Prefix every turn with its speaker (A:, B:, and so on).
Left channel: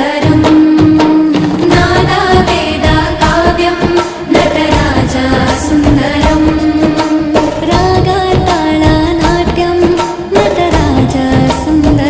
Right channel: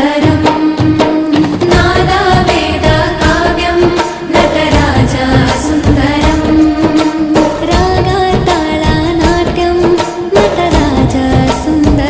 A: सादरकं नादावेदकाव्यं नटराजा सुन्दरम् रागाताळनाट्यं नटराजा सुन्दरम्